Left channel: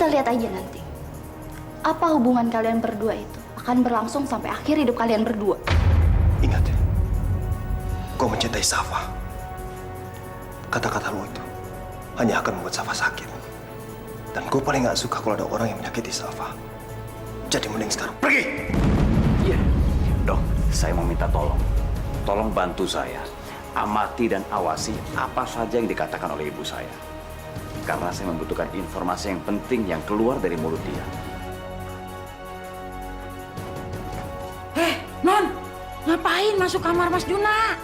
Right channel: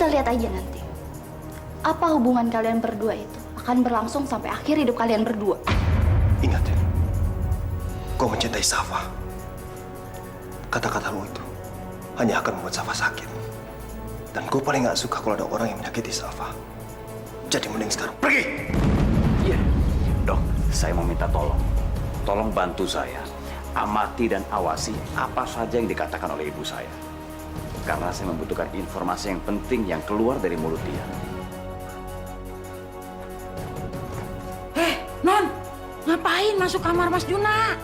Kita lihat aja nanti. Apa hubungan kalian berdua itu akan berlangsung sampai akhir hidup kalian berdua. Ingat ya, kau mencintai Safa. Kata-kata lu itu hanya akan membuat Safa sakit. Dan gue paling gak suka kalau ada orang yang menyakiti Safa. Jadi mending sekarang pergi! Iya, dok, saya mau minta tolong. Tolong bantu saya. Amati dan awasi apa saja yang dikatakan oleh ibu saya. Karena saya membutuhkan informasi yang penting yang keluar dari mulut dia. Non, ngapain masuk kamar Mas Juna?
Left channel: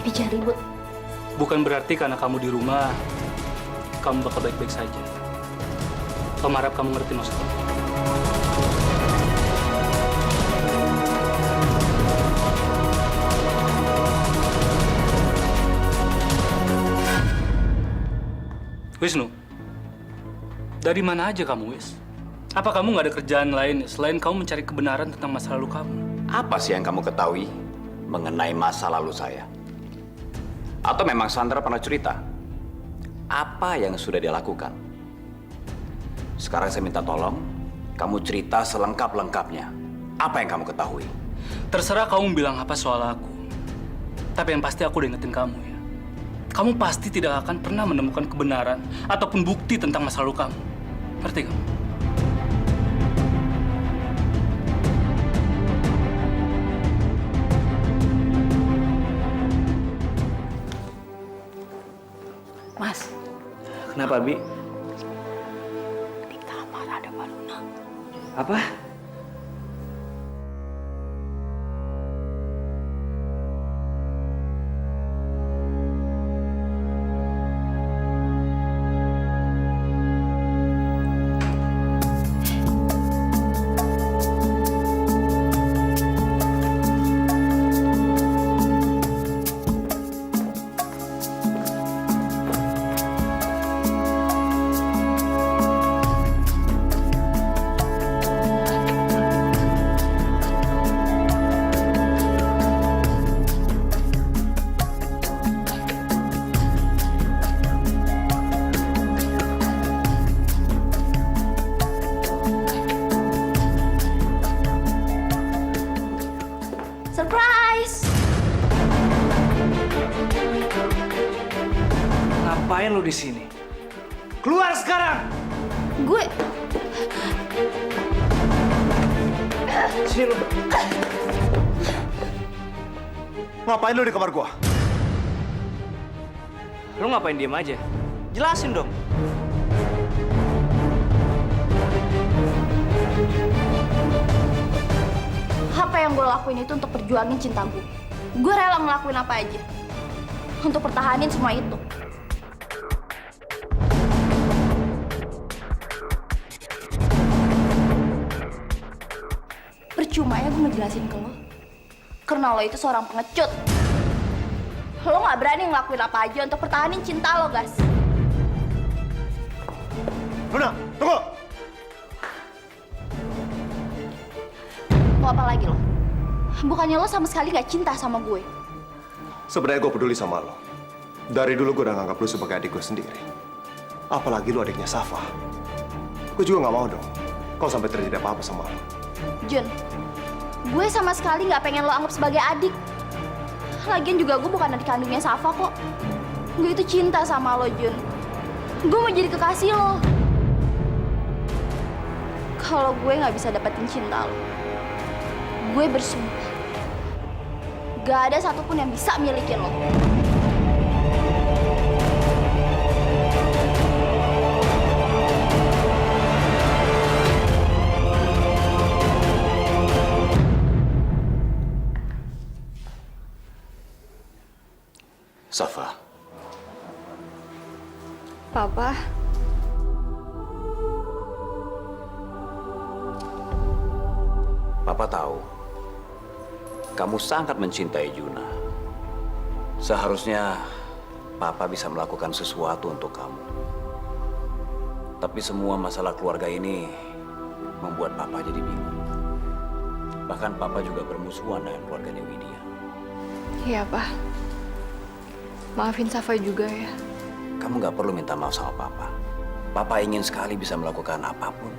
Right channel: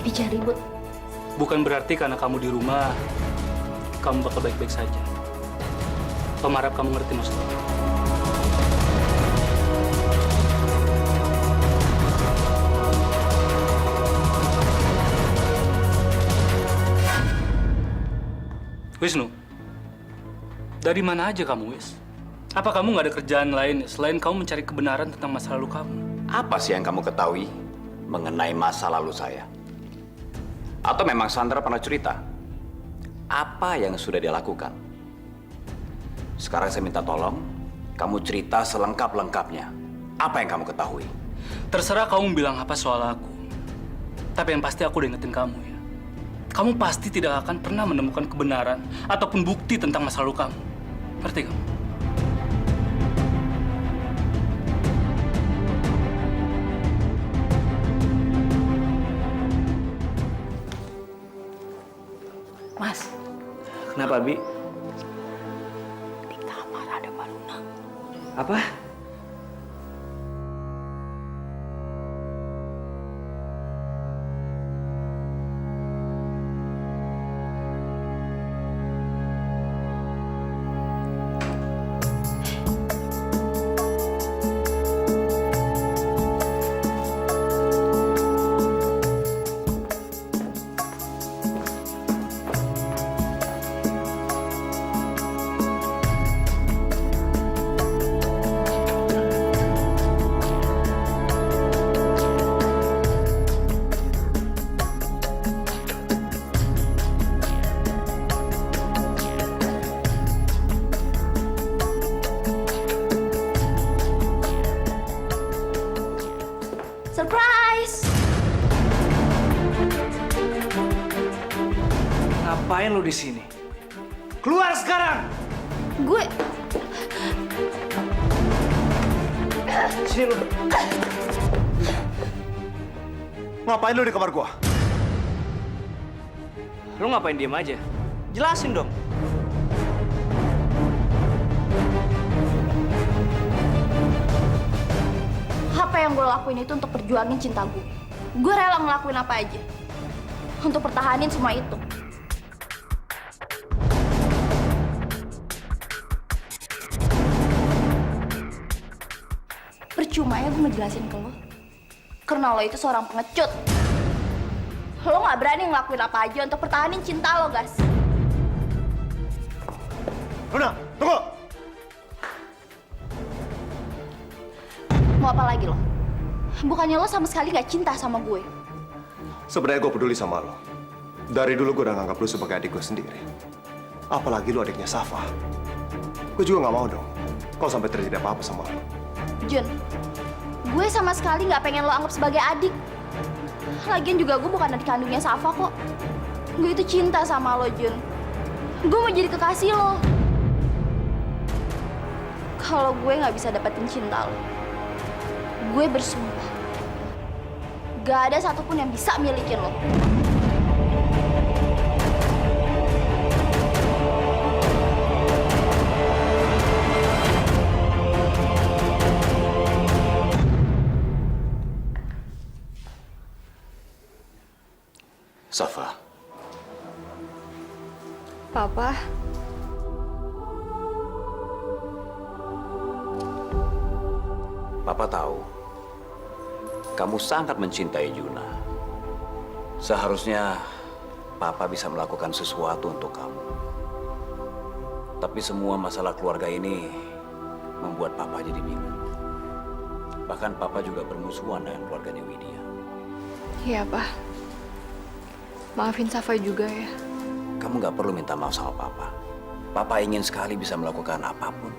Bibi jangan ribut. Bukan berarti karena kamu di rumah, kamu bakal baik-baik saja. Om harap kamu ngerti maksud aku. Wisnu, dari mana aja kamu, Wis? Apa kamu nggak ada kerjaan lain selain kamu mencari kebenaran tentang masa lalu kamu? Apa sih yang kamu ketahui mengenai masa lalu saya? Atau memang Sandra pernah cerita? Apa yang sudah dia lakukan? Sekarang saya minta tolong, kamu cerita selengkap-lengkapnya. Apa yang kamu ketahui? Terserah kamu bilang apa soal aku. Tapi yang pasti aku udah ingetin kamu ya. Kamu pasti tidak akan pernah menemukan kebenaran ataupun bukti tentang masa lalu kamu. Ngerti kamu? Mas, Kenapa, Bi? di kamar ada Mbak Luna. Apa? Surprise! Ngapain lu di sini? Keluar sekarang! Gue... Sini lu. Ngapain lu di kamar gua? Lu ngapain diem aja? Jelasin dong. Apa yang gue lakuin itu untuk perjuangin cinta gue. Gue rela ngelakuin apa aja untuk pertahanin semua itu. Percuma ya gue ngejelasin ke lo. Karena lo itu seorang pengecut. Lo gak berani ngelakuin apa aja untuk pertahanin cinta lo, guys. Luna, tunggu! Mau apa lagi lo? Bukannya lo sama sekali gak cinta sama gue. Sebenarnya gue peduli sama lo. Dari dulu gue udah nganggap lo sebagai adik gue sendiri. Apalagi lo adiknya Safa. Gue juga gak mau dong kalau sampai terjadi apa-apa sama lo. Jun, gue sama sekali gak pengen lo anggap sebagai adik. Lagian juga gue bukan adik kandungnya Safa kok. Gue itu cinta sama lo, Jun. Gue mau jadi kekasih lo. Kalau gue gak bisa dapetin cinta lo, gue bersumpah gak ada satupun yang bisa milikin lo. Safa, Papa, Papa tahu kamu sangat mencintai Juna. Seharusnya Papa bisa melakukan sesuatu untuk kamu. Tapi semua masalah keluarga ini membuat Papa jadi bingung. Bahkan Papa juga bermusuhan dengan keluarganya Widya. iya Pak. Maafin Safa juga ya. Kamu nggak perlu minta maaf sama Papa. Papa ingin sekali bisa melakukan apapun.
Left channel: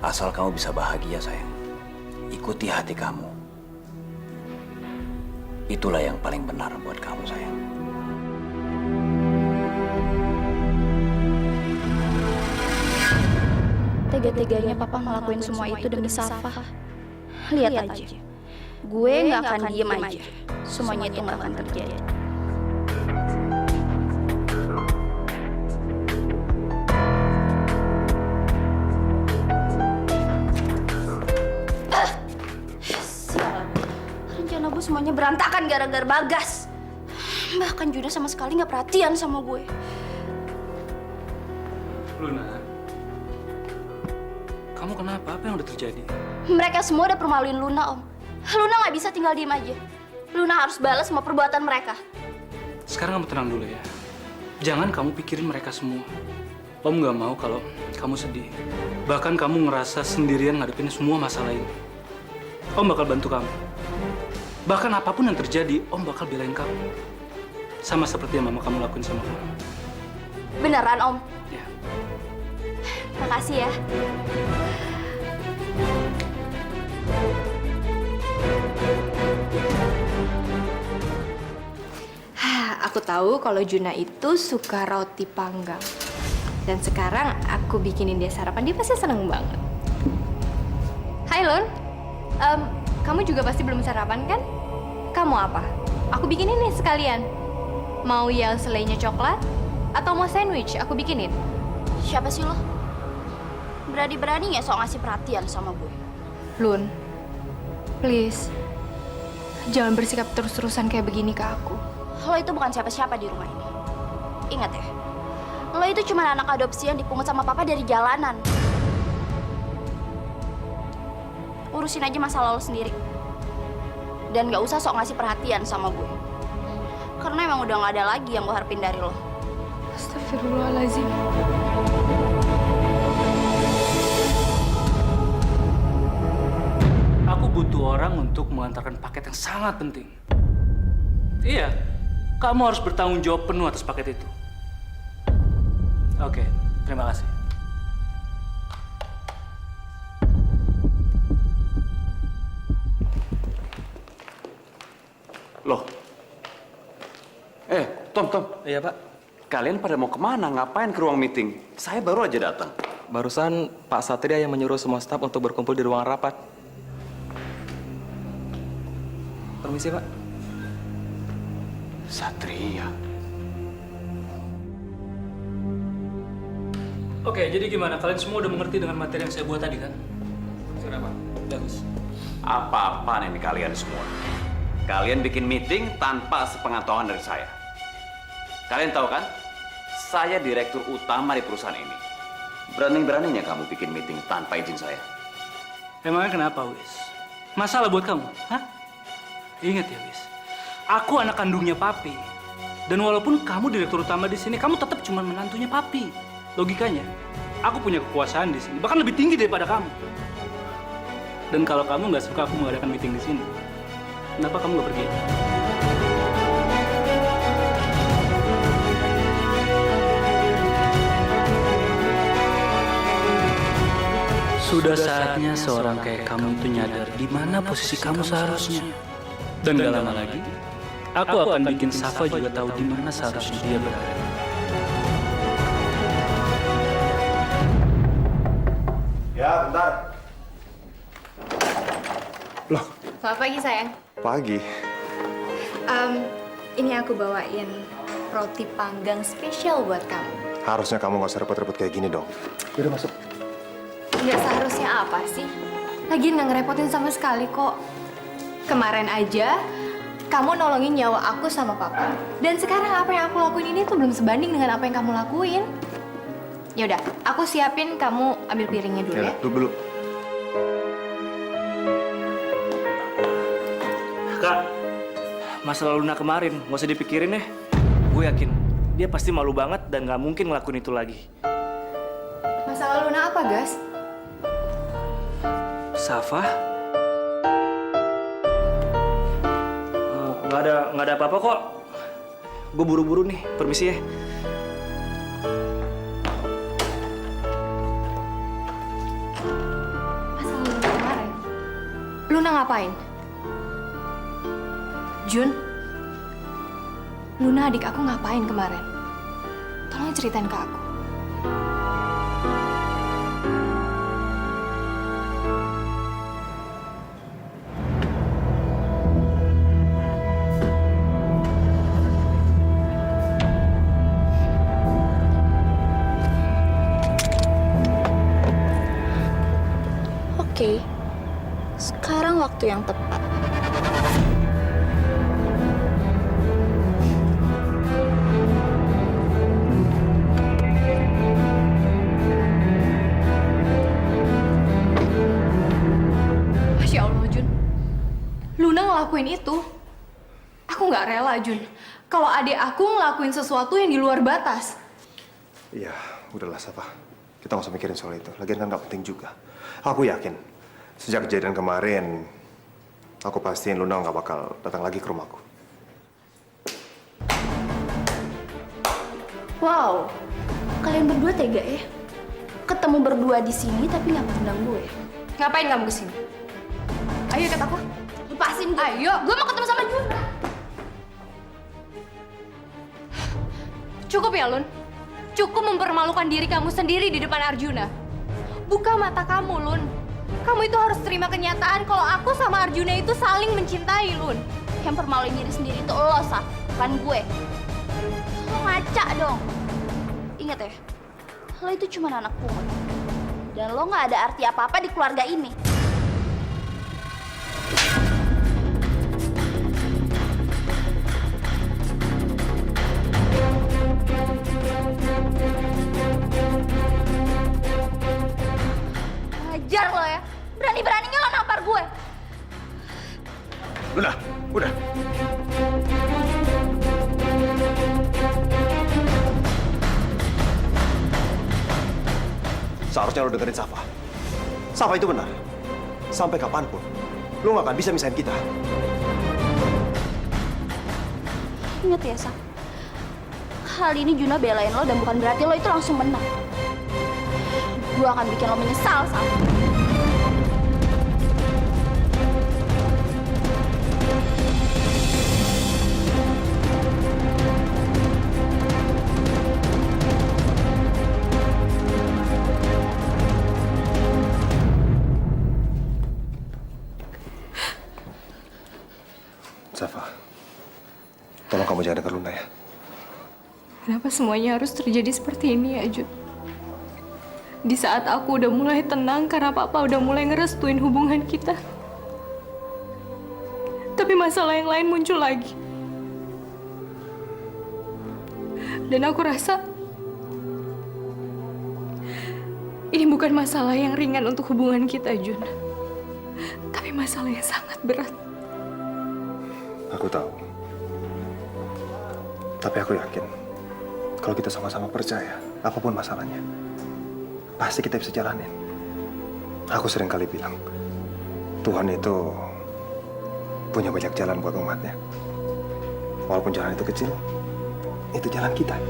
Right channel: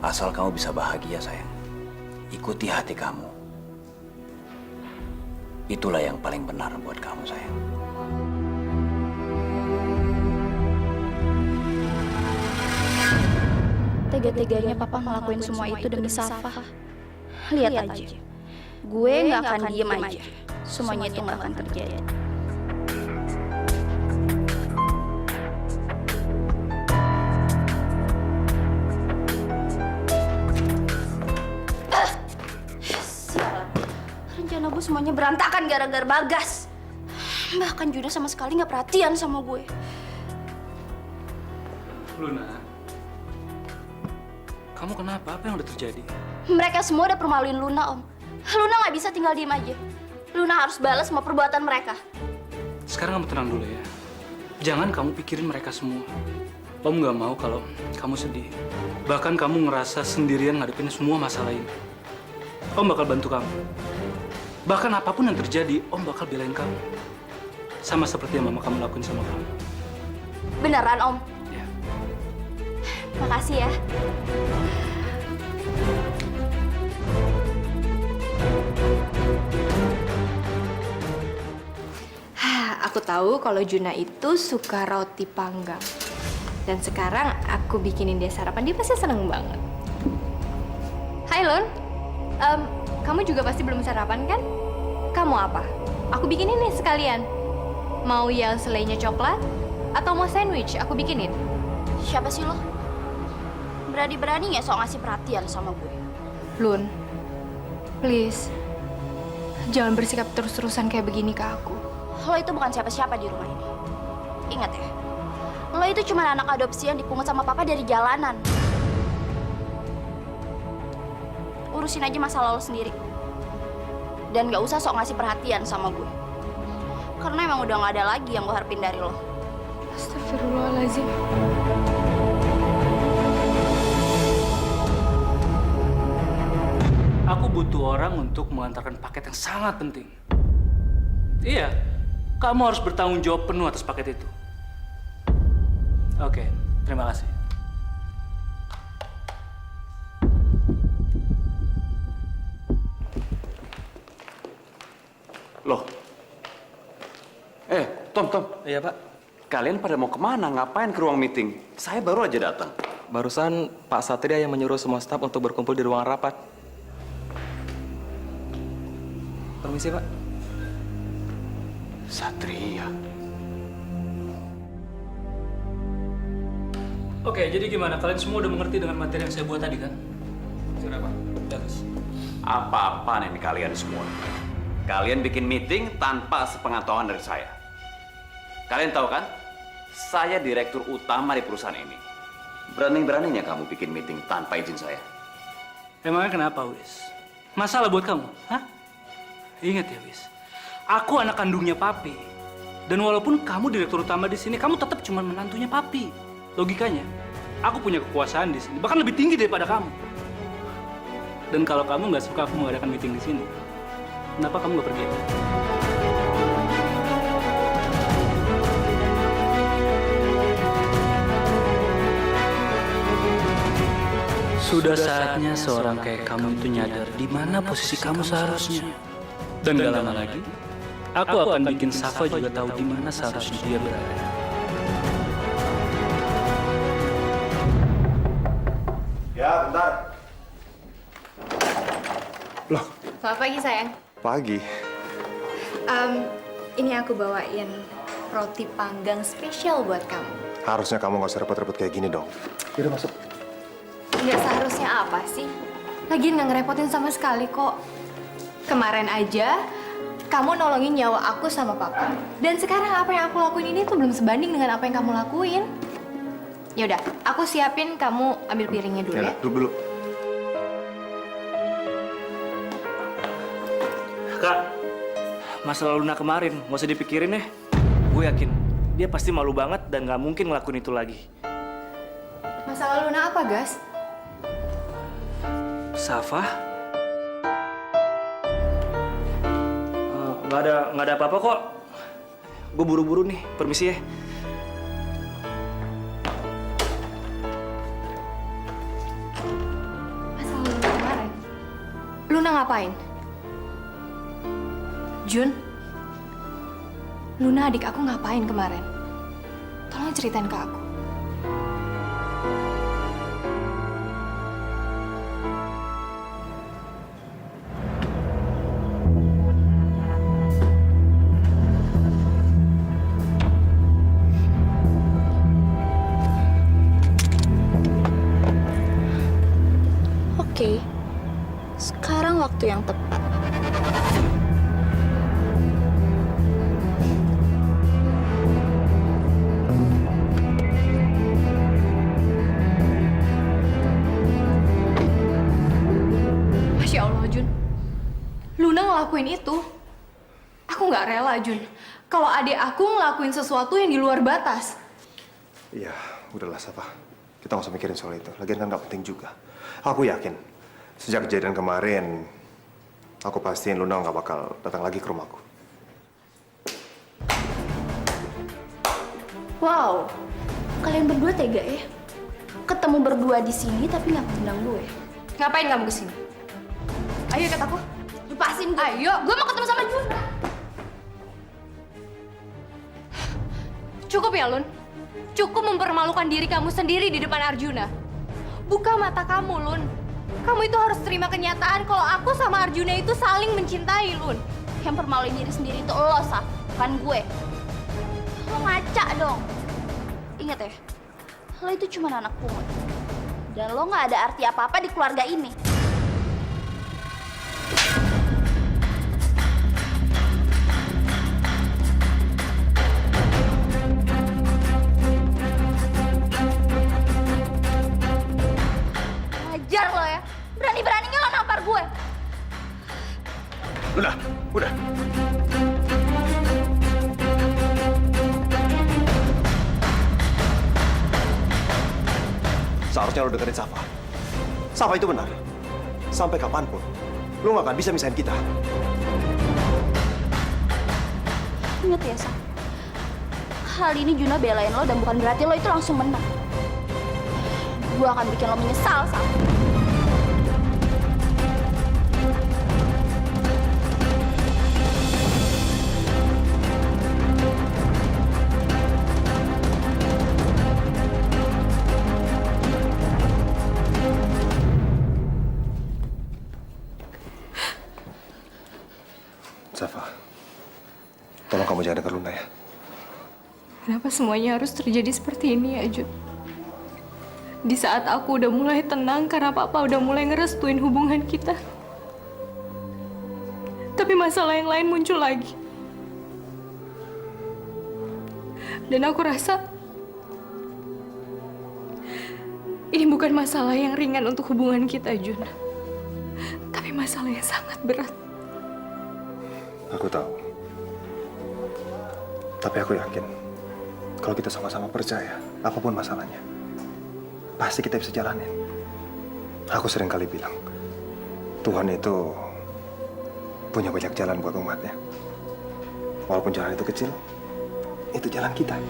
Asal kamu bisa bahagia, sayang. Ikuti hati kamu. Itulah yang paling benar buat kamu, sayang. Tega-teganya papa ngelakuin semua itu demi Safa. Lihat aja. Gue nggak akan diem aja. Semuanya itu nggak akan terjadi. Sialan. Rencana gue semuanya berantakan gara-gara Bagas. Bahkan Judah sama sekali nggak perhatian sama gue. Luna, kamu kenapa? Apa yang udah terjadi? Mereka semua udah permaluin Luna, Om. Luna nggak bisa tinggal diem aja. Luna harus balas semua perbuatan mereka. Sekarang kamu tenang dulu ya. Jangan kamu pikirin mereka semua. Om nggak mau kalau kamu sedih. Bahkan kamu ngerasa sendirian ngadepin semua masalah ini. Om bakal bantu kamu. Bahkan apapun yang terjadi, Om bakal belain kamu. Sama seperti yang mama kamu lakuin sama kamu. Beneran, Om? Ya. Makasih ya. Aku tahu kalau Juna itu suka roti panggang. Dan sekarang aku bikinin dia sarapan, dia pasti seneng banget. Hai Lon, kamu juga pasti belum sarapan kan? Kamu apa? Aku bikinin nih sekalian. Mau yang selainya coklat? Atau mau sandwich? Aku bikinin. Siapa sih lo? Berani-beraninya sok ngasih perhatian sama gue. Lun, please. Jangan bersikap terus-terusan kayak begini ke aku. Lo itu bukan siapa-siapa di rumah ini. Ingat ya, lo itu cuma anak adopsi yang dipungut sama papa dari jalanan. Urusin aja masalah lo sendiri. Dan gak usah sok ngasih perhatian sama gue. Karena emang udah gak ada lagi yang gue harapin dari lo. Astagfirullahaladzim. Aku butuh orang untuk mengantarkan paket yang sangat penting. Iya, kamu harus bertanggung jawab penuh atas paket itu. Oke, terima kasih. Loh. Tom. Iya, Pak. Kalian pada mau kemana? Ngapain ke ruang meeting? Saya baru aja datang. Barusan Pak Satria yang menyuruh semua staf untuk berkumpul di ruangan rapat. Permisi, Pak. Satria. Oke, jadi gimana? Kalian semua udah mengerti dengan materi yang saya buat tadi kan? Sudah, Pak. Bagus. Apa-apaan ini kalian semua? Kalian bikin meeting tanpa sepengetahuan dari saya. Kalian tahu kan? Saya direktur utama di perusahaan ini. Berani-beraninya kamu bikin meeting tanpa izin saya. Emangnya kenapa, Wis? Masalah buat kamu? Hah? Ingat ya, Wis. Aku anak kandungnya Papi. Dan walaupun kamu direktur utama di sini, kamu tetap cuma menantunya Papi. Logikanya, aku punya kekuasaan di sini, bahkan lebih tinggi daripada kamu. Dan kalau kamu nggak suka aku mengadakan meeting di sini, kenapa kamu nggak pergi? Sudah saatnya seorang kayak kamu itu nyadar di mana posisi kamu seharusnya. Dan gak lama lagi, aku akan bikin Safa juga tahu di mana seharusnya dia berada. Ya, bentar. Loh, Selamat pagi sayang. pagi. Ini aku bawain roti panggang spesial buat kamu. Harusnya kamu nggak usah repot-repot kayak gini dong. Yaudah masuk. Nggak seharusnya apa sih? Lagian nggak ngerepotin sama sekali kok. Kemarin aja kamu nolongin nyawa aku sama papa. Dan sekarang apa yang aku lakuin ini tuh belum sebanding dengan apa yang kamu lakuin. Yaudah, aku siapin, kamu ambil piringnya dulu ya. Duduk dulu. Kak, masalah Luna kemarin, nggak usah dipikirin deh. Gue yakin, dia pasti malu banget dan nggak mungkin ngelakuin itu lagi. Masalah Luna apa, Gas? Safa? Nggak ada apa-apa kok. Gue buru-buru nih, permisi ya. Luna ngapain? Jun, Luna adik aku ngapain kemarin? Tolong ceritain ke aku. Oke, sekarang waktu yang tepat. Masya Allah, Jun. Luna ngelakuin itu. Aku nggak rela, Jun. Kalau adik aku ngelakuin sesuatu yang di luar batas. Iya, udahlah Safa. Kita nggak usah mikirin soal itu. Lagian kan nggak penting juga. Aku yakin, sejak kejadian kemarin, aku pastiin Luna nggak bakal datang lagi ke rumahku. Wow, kalian berdua tega ya? Ketemu berdua di sini tapi nggak ngundang gue. Ngapain kamu kesini? Ayo ikut aku. Lepasin gue. Ayo. Gue mau ketemu sama Juna. Cukup ya, Lun. Cukup mempermalukan diri kamu sendiri di depan Arjuna. Buka mata kamu, Lun. Kamu itu harus terima kenyataan kalau aku sama Arjuna itu saling mencintai, Lun. Yang permaluin diri sendiri itu lo, Saf, bukan gue. Lo ngaca dong. Ingat ya, lo itu cuma anak pungut. Dan lo nggak ada arti apa-apa di keluarga ini. Ngajar lo ya. Berani-beraninya lo nampar gue. Udah. Seharusnya lo dengerin Safa. Safa itu benar. Sampai kapanpun, lo nggak akan bisa misahin kita. Ingat ya, Saf. Kali ini Juna belain lo dan bukan berarti lo itu langsung menang. Gue akan bikin lo menyesal, Saf. Safa, tolong kamu jangan dengar Luna ya. Kenapa semuanya harus terjadi seperti ini ya, Jun? Di saat aku udah mulai tenang karena Papa udah mulai ngerestuin hubungan kita. Tapi masalah yang lain muncul lagi. Dan aku rasa ini bukan masalah yang ringan untuk hubungan kita, Jun. Tapi masalah yang sangat berat. Aku tahu. Tapi aku yakin, kalau kita sama-sama percaya, apapun masalahnya, pasti kita bisa jalanin. Aku sering kali bilang, Tuhan itu punya banyak jalan buat umatnya. Walaupun jalan itu kecil, itu jalan kita.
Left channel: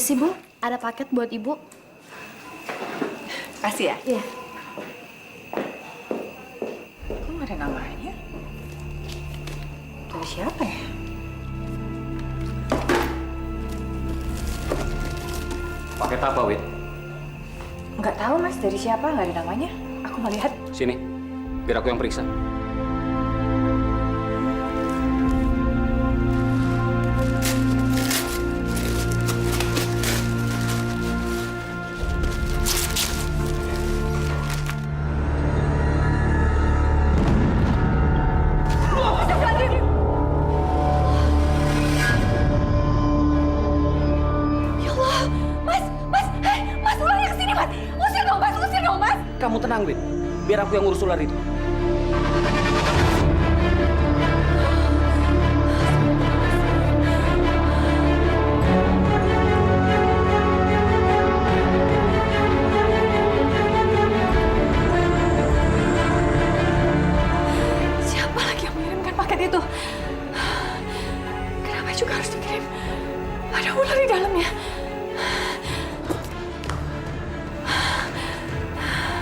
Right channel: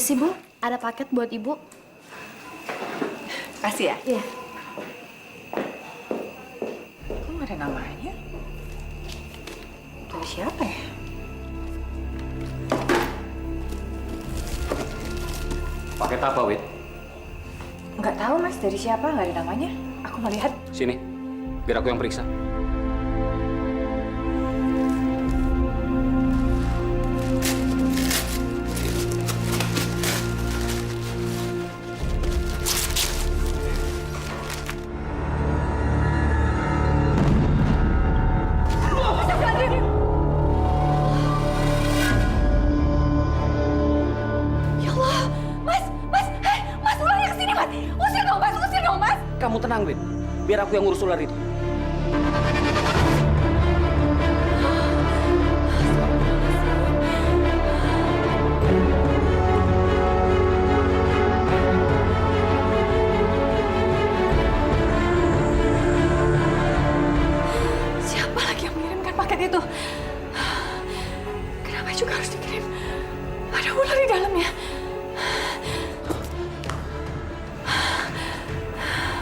Permisi, Bu. Ada paket buat Ibu. Kasih ya? Iya. Kok nggak ada namanya? Dari siapa ya? Paket apa, Wit? Nggak tahu Mas, dari siapa? Nggak ada namanya. Aku nggak lihat. Sini, biar aku yang periksa. Ya Allah, Mas, hei, Mas, ulangnya ke sini, Mas. Usir dong, Mas. Kamu tenang, Wit. Biar aku yang ngurus ular itu. Siapa lagi yang mengirimkan paket itu? Kenapa juga harus dikirim? Ada ular di dalamnya.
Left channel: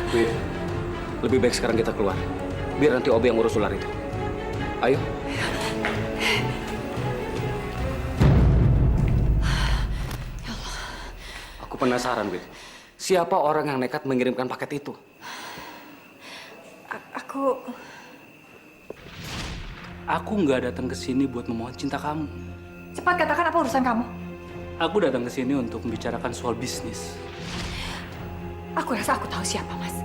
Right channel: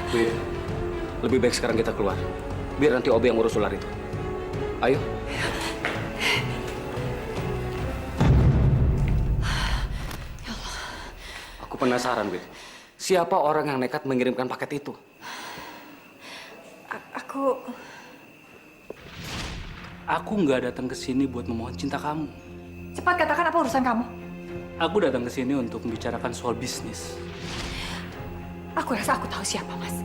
Wit, lebih baik sekarang kita keluar. Biar nanti Obi yang ngurus ular itu. Ayo. Aku penasaran, Wit. Siapa orang yang nekat mengirimkan paket itu? Aku nggak datang ke sini buat memohon cinta kamu. Cepat katakan apa urusan kamu? Aku datang ke sini untuk membicarakan soal bisnis. Aku rasa aku tahu siapa, Mas.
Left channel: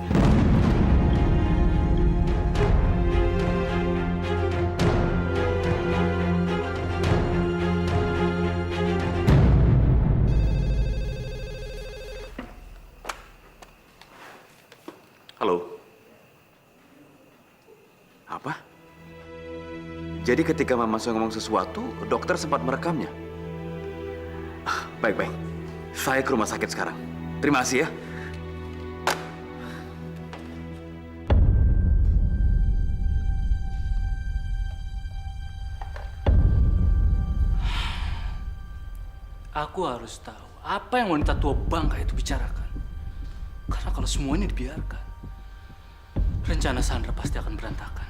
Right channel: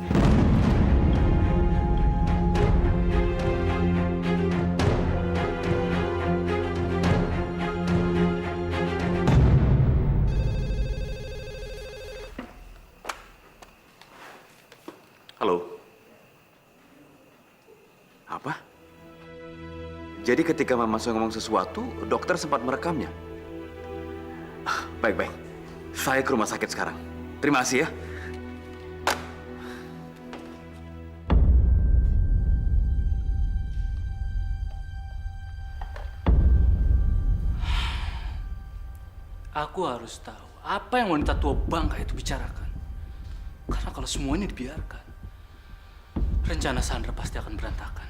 Halo. Apa? Jadi ketika Mama saya ngomong sesuatu, dokter sempat merekamnya. Baik. Saya ke rumah sakit sekarang. Terima kasih ya. Aku harus tahu apa yang wanita tua bangka itu bicarakan. Karena kalau semua ini dibiarkan, rencana Sandra pasti akan berantakan.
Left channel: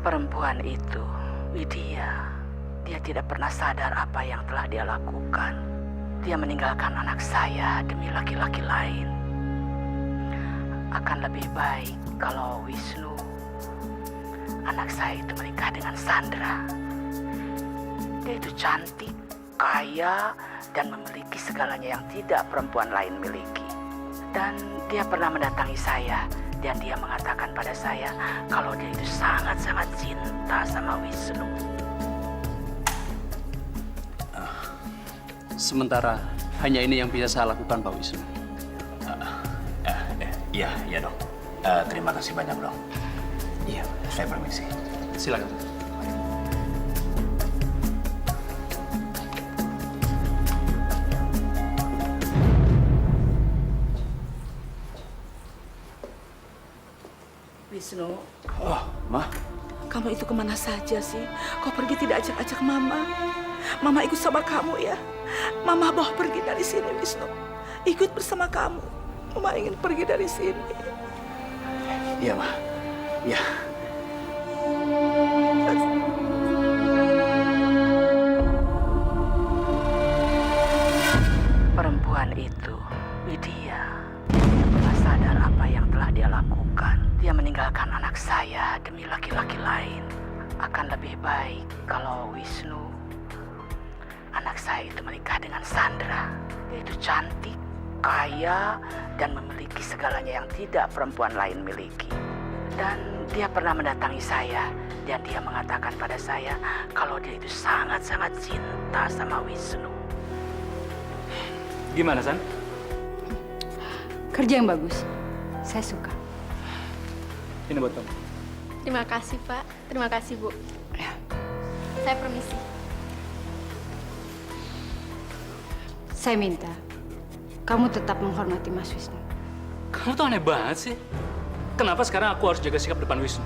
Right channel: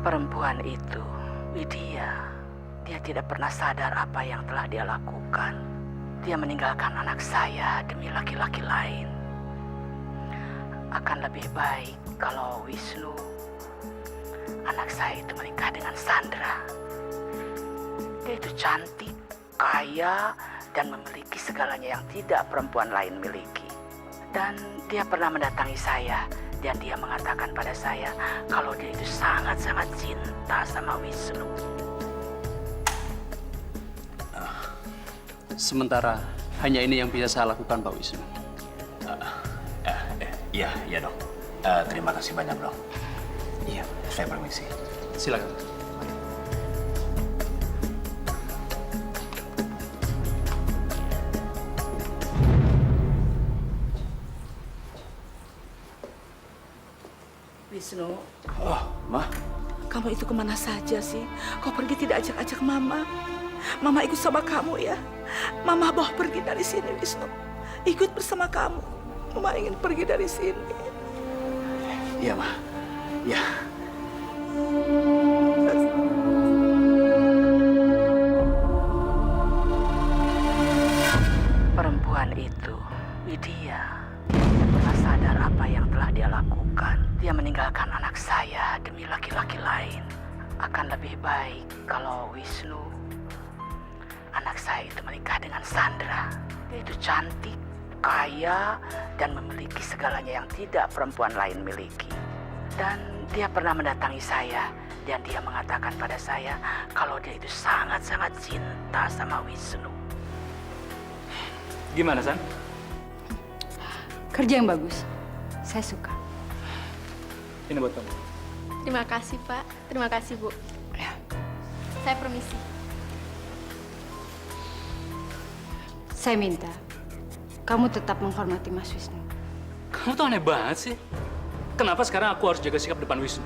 Perempuan itu, Widya, dia tidak pernah sadar apa yang telah dia lakukan. Dia meninggalkan anak saya demi laki-laki lain. Akan lebih baik kalau Wisnu, anak saya itu menikah dengan Sandra. Dia itu cantik, kaya, dan memiliki segalanya yang tidak perempuan lain miliki. Dan dia pernah mendatangi saya, dan dia mengatakan pada saya kalau dia itu sangat-sangat cinta sama Wisnu. Sementara hanya ini yang bisa saya lakukan, Pak Wisnu. Iya dok. Terima kasih banyak dok. Iya, saya permisi. Silakan. Wisnu, Oh, Ma. kamu itu kemana saja sih? Kau pergi tidak ajak-ajak Mama. Mama ikut sama kamu ya. Mama bawa pergi dari sini, Wisnu. Ikut bersama kamu. Mama ingin pergi dari sini. Iya, Ma. Iya. Perempuan itu, Widya, tidak pernah sadar apa yang telah dia lakukan. Dia meninggalkan anak saya demi laki-laki lain. Akan lebih baik kalau Wisnu, anak saya itu menikah dengan Sandra. Dia itu cantik, kaya, dan memiliki segalanya yang tidak perempuan lain miliki. Dan dia pernah mendatangi saya, dan dia mengatakan pada saya kalau dia itu sangat-sangat cinta sama Wisnu. Gimana, San? Kerja yang bagus. Saya suka. Ini buat kamu. Terima kasih, Pak. Terima kasih, Bu. Saya permisi. Saya minta kamu tetap menghormati Mas Wisnu. Kamu tuh aneh banget sih. Kenapa sekarang aku harus jaga sikap depan Wisnu?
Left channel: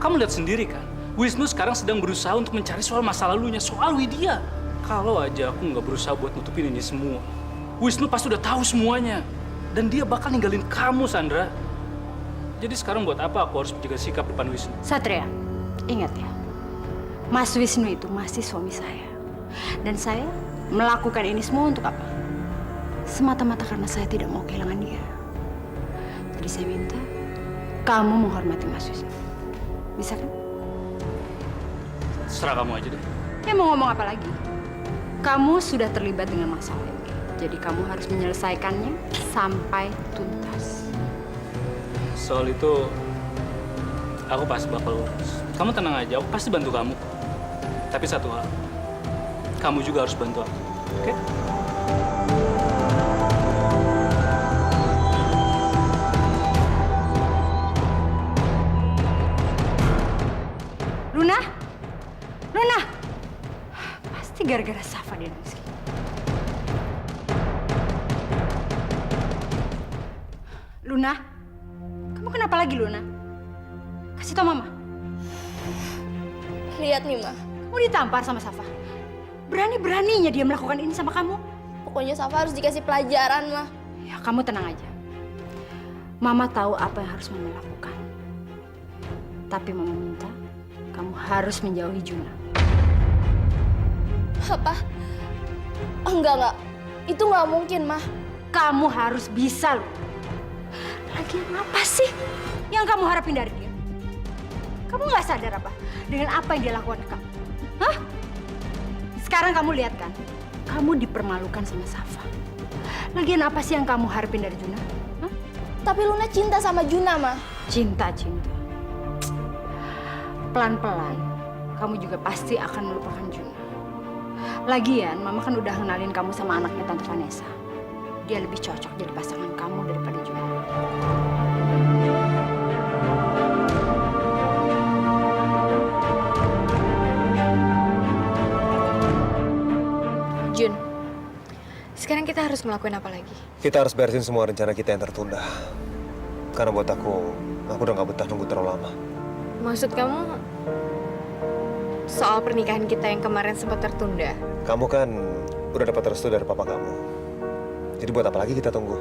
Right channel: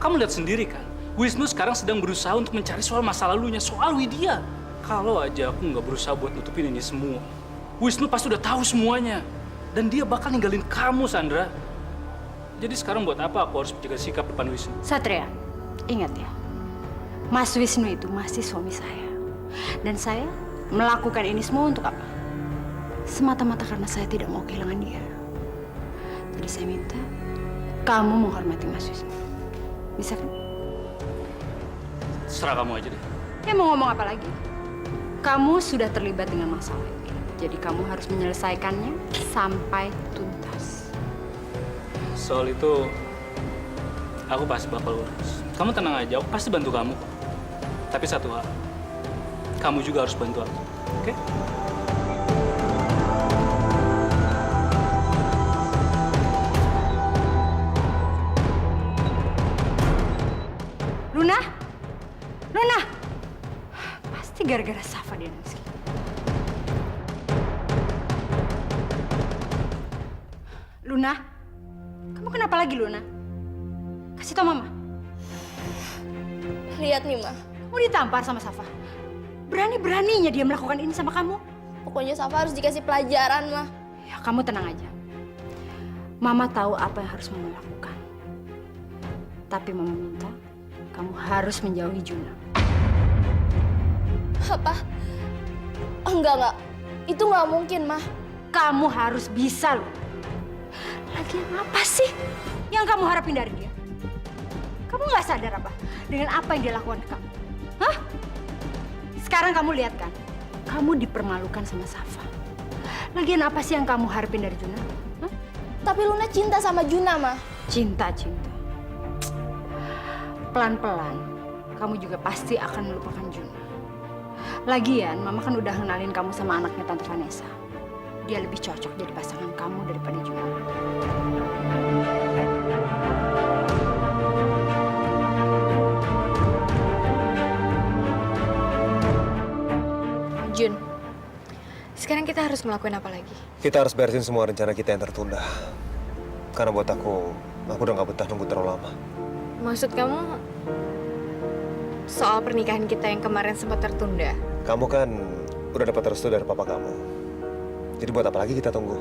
Kamu lihat sendiri kan, Wisnu sekarang sedang berusaha untuk mencari soal masa lalunya, soal Widya. Kalau aja aku nggak berusaha buat nutupin ini semua, Wisnu pasti udah tahu semuanya. Dan dia bakal ninggalin kamu, Sandra. Jadi sekarang buat apa aku harus menjaga sikap depan Wisnu? Satria, ingat ya, Mas Wisnu itu masih suami saya. Dan saya melakukan ini semua untuk apa? Semata-mata karena saya tidak mau kehilangan dia. Jadi saya minta kamu menghormati Mas Wisnu. Bisa kan? Serah kamu aja deh. Ya mau ngomong apa lagi? Kamu sudah terlibat dengan masalah ini. Jadi kamu harus menyelesaikannya sampai tuntas. Soal itu, aku pasti bakal urus. Kamu tenang aja, aku pasti bantu kamu kok. Tapi satu hal, kamu juga harus bantu aku, oke? Luna? Luna! Pasti gara-gara Safa dia nangis. Luna? Kamu kenapa lagi, Luna? Kasih tau Mama. Lihat nih, Ma. Kamu ditampar sama Safa. Berani-beraninya dia melakukan ini sama kamu. Pokoknya Safa harus dikasih pelajaran, Ma. Ya, kamu tenang aja. Mama tahu apa yang harus Mama lakukan. Tapi Mama minta kamu harus menjauhi Juna. Apa? Enggak. Itu nggak mungkin, Ma. Kamu harus bisa, loh. Lagian apa sih yang kamu harapin dari dia? Kamu nggak sadar apa dengan apa yang dia lakukan ke kamu? Hah? Sekarang kamu lihat kan, kamu dipermalukan sama Safa. Lagian apa sih yang kamu harapin dari Juna? Hah? Tapi Luna cinta sama Juna, Ma. Cinta. Pelan-pelan, kamu juga pasti akan melupakan Juna. Lagian, Mama kan udah kenalin kamu sama anaknya Tante Vanessa. Dia lebih cocok jadi pasangan kamu daripada Juna. Jun, sekarang kita harus ngelakuin apa lagi? Kita harus beresin semua rencana kita yang tertunda. Karena buat aku udah gak betah nunggu terlalu lama. Maksud kamu soal pernikahan kita yang kemarin sempat tertunda? Kamu kan udah dapat restu dari papa kamu. Jadi buat apa lagi kita tunggu?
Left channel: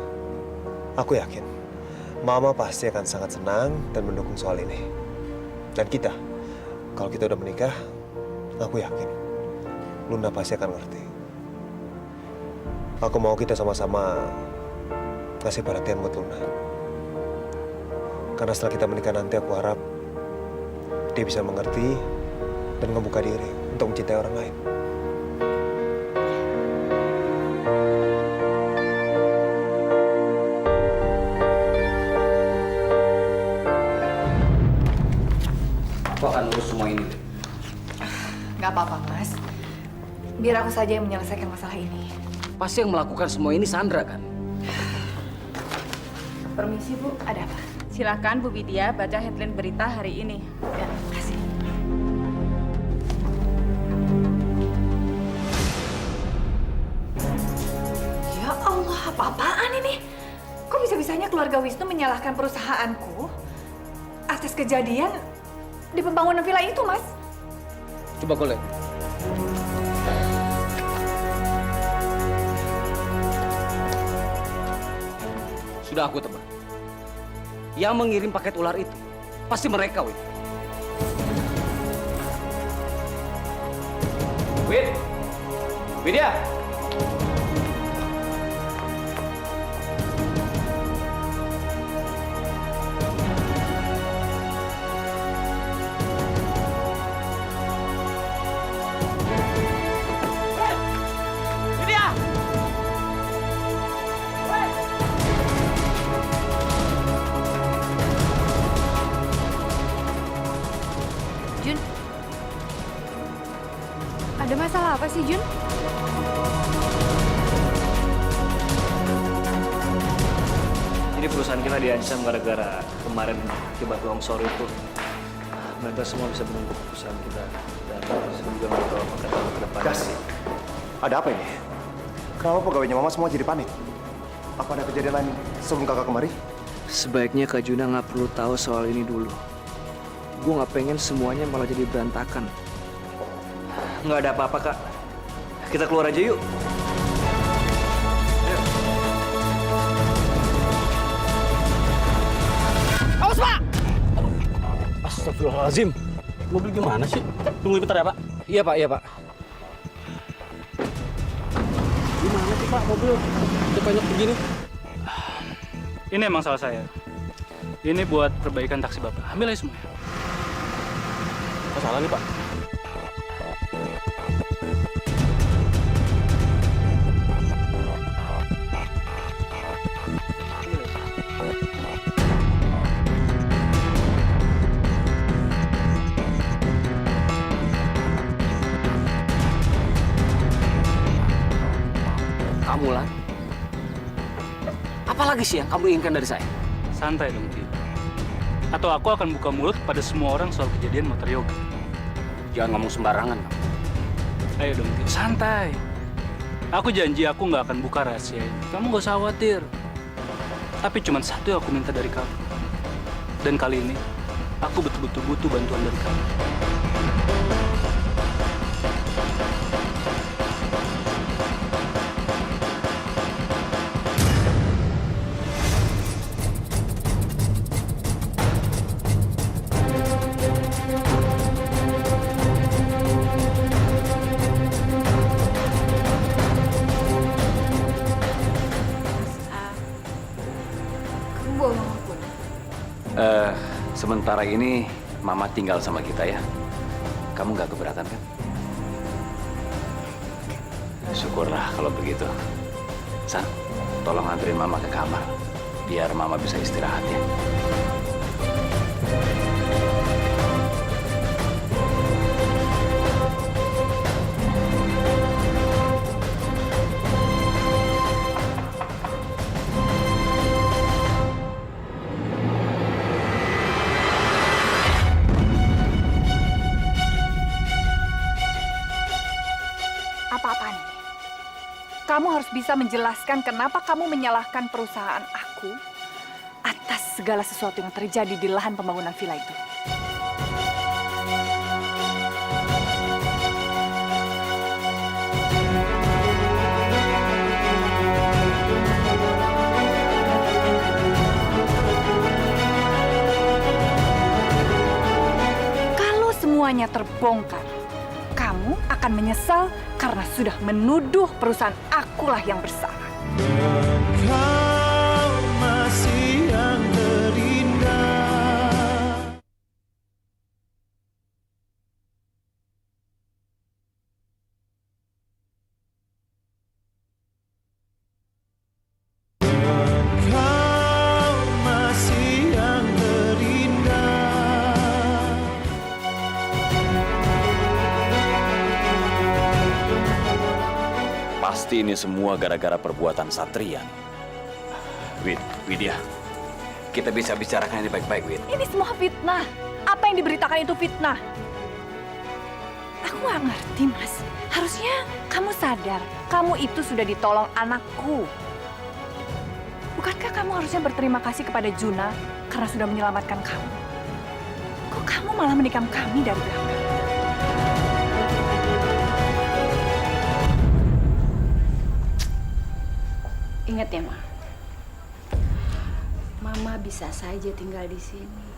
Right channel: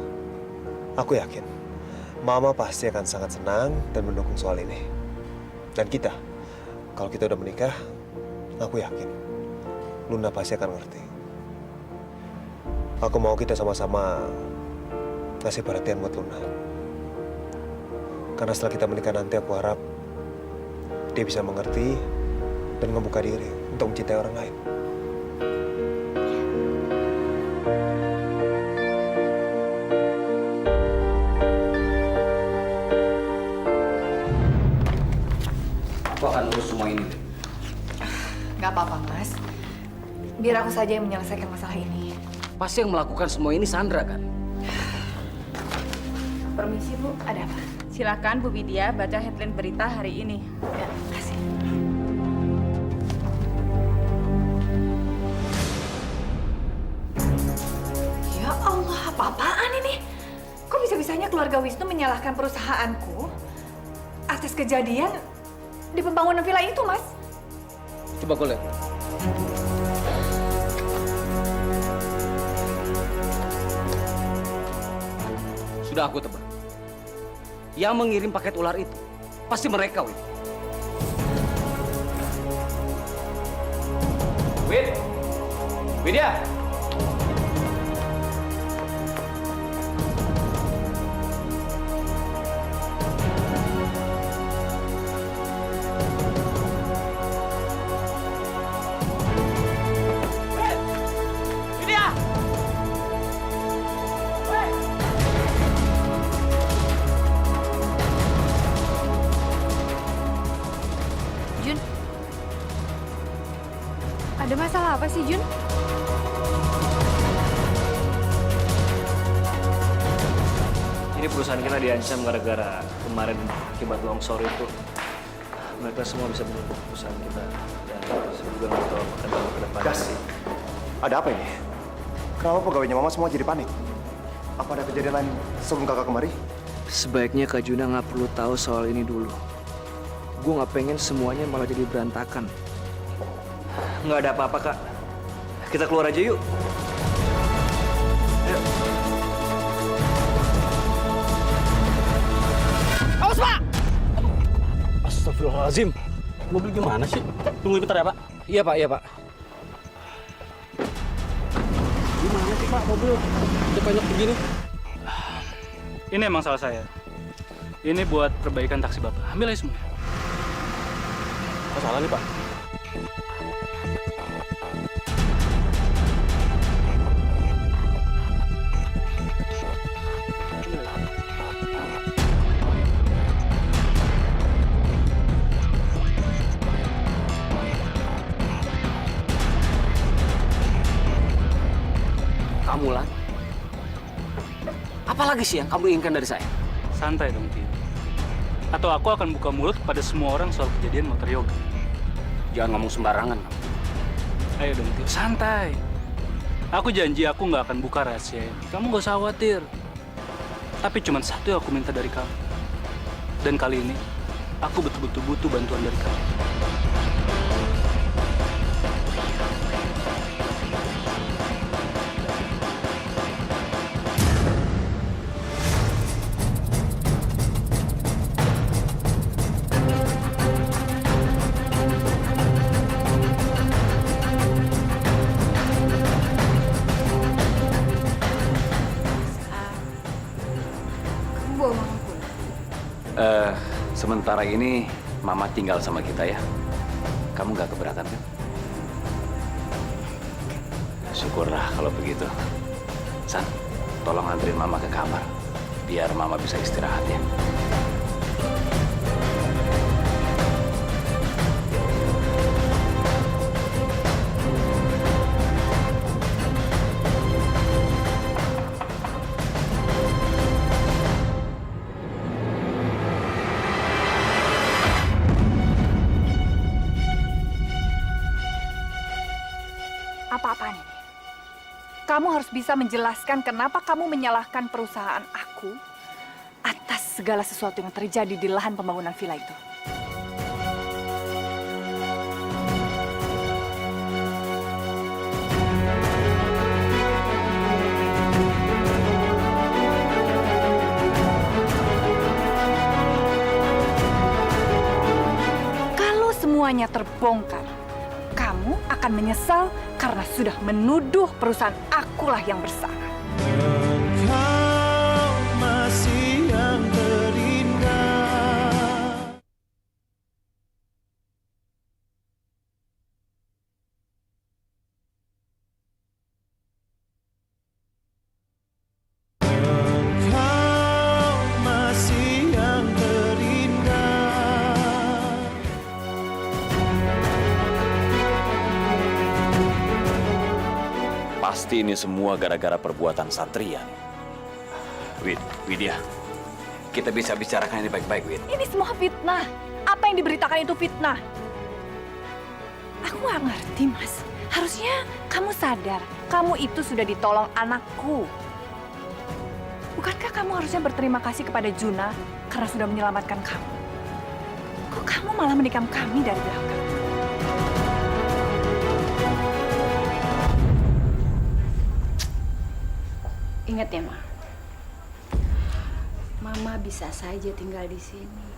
Aku yakin Mama pasti akan sangat senang dan mendukung soal ini. Dan kita, kalau kita udah menikah, aku yakin Luna pasti akan ngerti. Aku mau kita sama-sama kasih perhatian buat Luna. Karena setelah kita menikah nanti, aku harap dia bisa mengerti dan ngebuka diri untuk mencintai orang lain. Aku akan urus semua ini. Nggak apa-apa, Mas. Biar aku saja yang menyelesaikan masalah ini. Pasti yang melakukan semua ini Sandra, kan? Permisi, Bu. Ada apa? Silakan Bu Widya baca headline berita hari ini. Ya, kasih. Ya Allah, apa-apaan ini? Kok bisa-bisanya keluarga Wisnu menyalahkan perusahaanku atas kejadian di pembangunan villa itu, Mas? Coba kau lihat. Sudah aku tebak. Yang mengirim paket ular itu pasti mereka, Wid. Widya! Jun, ada masalah apa sih, Jun? Jadi perusahaan kita diancam gara-gara kemarin akibat longsor itu. Mereka semua bisa menuntut perusahaan kita. Dan saya juga nggak tahu apa kata ke depan. Gas, ada apa ini? Kenapa pegawainya Mama semua jadi panik? Apa ada kejadian lain sebelum kakak kemari? Sebaiknya Kak Juna nggak perlu tahu soal ini dulu. Gue nggak pengen semuanya malah jadi berantakan. Nggak ada apa-apa, Kak. Kita keluar aja yuk. Ayo. Awas, Pak! Aduh, astagfirullahaladzim. Mobil gimana sih? Tunggu bentar ya, Pak. Iya, Pak. Iya, Pak. Gimana sih, Pak, mobil? Udah banyak begini. Ini emang salah saya. Ini buat perbaikan taksi Bapak. Ambil aja semuanya. Apa salah nih, Pak? Kamu lah. Apalagi sih yang kamu inginkan dari saya? Santai dong, Tio. Atau aku akan buka mulut kepada semua orang soal kejadian motor yoga. Jangan ngomong sembarangan. Ayo dong, Tio. Santai. Aku janji aku nggak akan buka rahasia ini. Kamu nggak usah khawatir. Tapi cuma satu yang aku minta dari kamu. Dan kali ini, aku betul-betul butuh bantuan dari kamu. Kamu bawa mama pulang? Sementara ini Mama tinggal sama kita ya. Kamu nggak keberatan kan? Syukurlah kalau begitu. San, tolong anterin Mama ke kamar. Biar Mama bisa istirahat ya. Apa-apaan ini? Kamu harus bisa menjelaskan kenapa kamu menyalahkan perusahaan aku atas segala sesuatu yang terjadi di lahan pembangunan villa itu. Kalau semuanya terbongkar, kamu akan menyesal karena sudah menuduh perusahaan akulah yang bersalah. Engkau masih yang terindah. Engkau masih yang terindah. Pasti ini semua gara-gara perbuatan Satria nih. Widya, kita bisa bicarakan ini baik-baik, Wid. Ini semua fitnah. Apa yang diberitakan itu fitnah. Aku nggak ngerti, Mas. Harusnya kamu sadar, kamu itu sudah ditolong anakku. Bukankah kamu harusnya berterima kasih kepada Juna karena sudah menyelamatkan kamu? Kok kamu malah menikam kami dari belakang? Ingat ya, Ma. Mama bisa saja tinggal di sini.